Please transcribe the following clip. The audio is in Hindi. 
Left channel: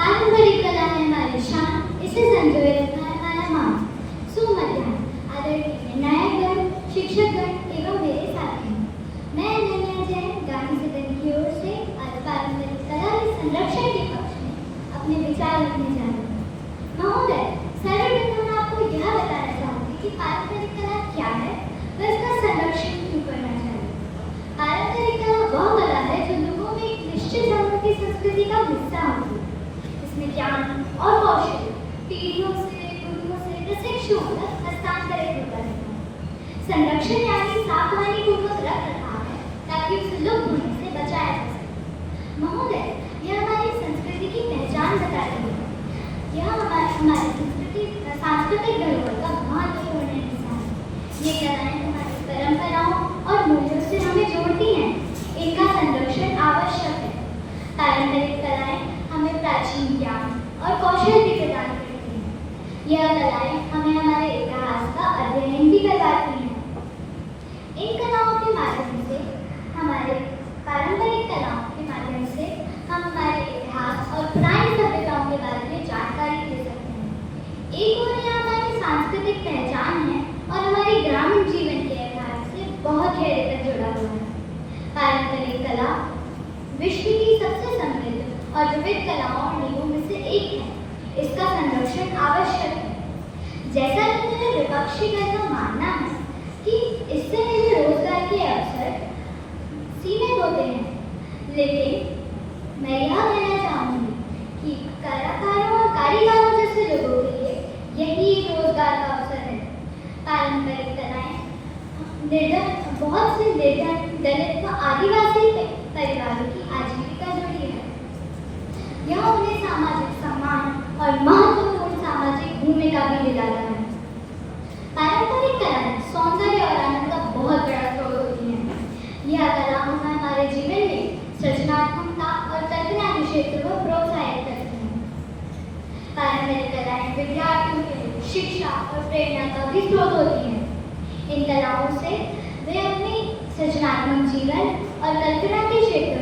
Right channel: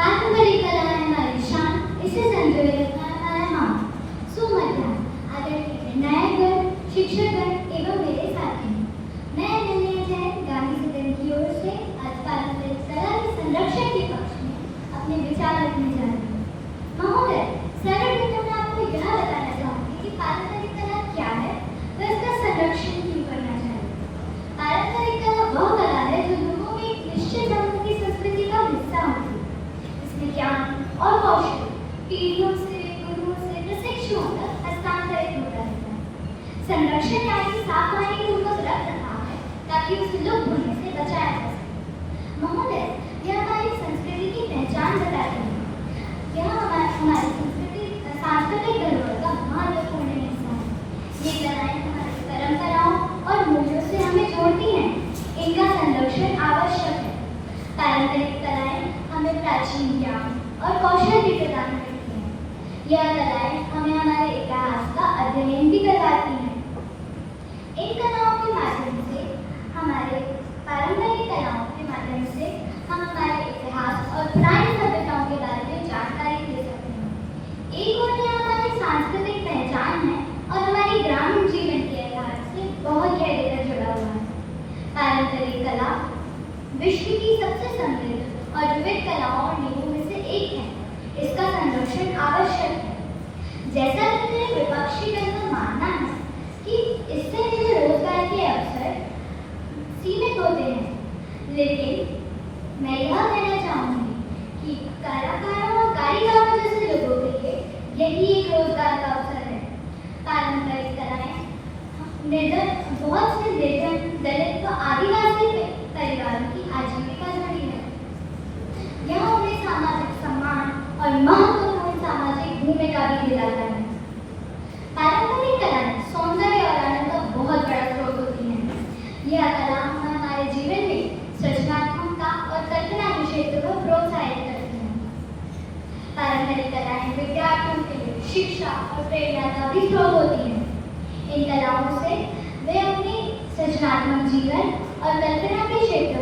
पारंपरिक कला है हमारी शान, इसे संजोए रखना है हमारा मान। सुमध्याह्न आदरणीय निर्णायकगण, शिक्षकगण एवं मेरे साथी, मैं निर्णय जैन गांधी सदन की ओर से आज पारंपरिक कला के संरक्षण के पक्ष में अपने विचार रखने जा रही हूँ। महोदय, सर्वप्रथम मैं आपको यह बताना चाहूंगी कि पारंपरिक कला क्या है व इसका संरक्षण क्यों करना चाहिए। पारंपरिक कला वह कला है जो लोगों में एक निश्चित धर्म की संस्कृति का हिस्सा होती है। इसमें ज्ञान और कौशल पीढ़ियों से, गुरुओं से प्रशिक्षुओं तक हस्तांतरित होता रहता है। संरक्षण यानी सावधानी पूर्वक रख रखा है ताकि उसे लुप्त होने से बचाया जा सके। महोदय, यह हमारी संस्कृति की पहचान बताती है। यह हमारी संस्कृति सांस्कृतिक धरोहर का महत्वपूर्ण हिस्सा है। ये कलाएं हमारी परंपराओं और मूल्यों से हमें जोड़ती हैं। इनका संरक्षण आवश्यक है। पारंपरिक कलाएं हमें प्राचीन ज्ञान और कौशल भी प्रदान करती हैं। यह कलाएं हमें हमारे इतिहास का अध्ययन भी करवाती हैं। इन कलाओं के माध्यम से हमारे पारंपरिक कलाओं के माध्यम से हम हमारे इतिहास और पुरानी सभ्यताओं के बारे में जानकारी दे सकते हैं। एक ओर यह हमारी सांस्कृतिक पहचान है और हमारी ग्रामीण जीवन के इतिहास से बहुत गहरे तक जुड़ा हुआ है। पारंपरिक कला विश्व की सबसे समृद्ध और विविध कलाओं और नींवों में से एक है। इसका संरक्षण आवश्यक है। जैसा कि मेरे विपक्षी दल का मानना है कि इससे हमें रोजगार के अवसर सीमित होते हैं, लेकिन मैं यह कहना चाहूंगी कि कलाकारों और कारीगरों जैसे लोगों के लिए यही एक रोजगार का अवसर है। पारंपरिक कलाएं बहुत से निर्धन, दलित व आदिवासी परिवारों की आजीविका जुड़ी है। यह उन्हें सामाजिक सम्मान और महत्वपूर्ण सामाजिक भूमिका भी दिलाता है। पारंपरिक कलाएं सौंदर्य और आनंद का बहुत बड़ा स्रोत होती हैं। यह कला हमारे जीवन में सृजनात्मकता और कल्पना के क्षेत्र को प्रोत्साहित करती हैं। पारंपरिक कलाएं विद्यार्थियों के लिए शिक्षा और प्रेरणा का भी स्रोत होती हैं। इन कलाओं से वे अपने सृजनात्मक जीवन और कल्पना के क्षेत्र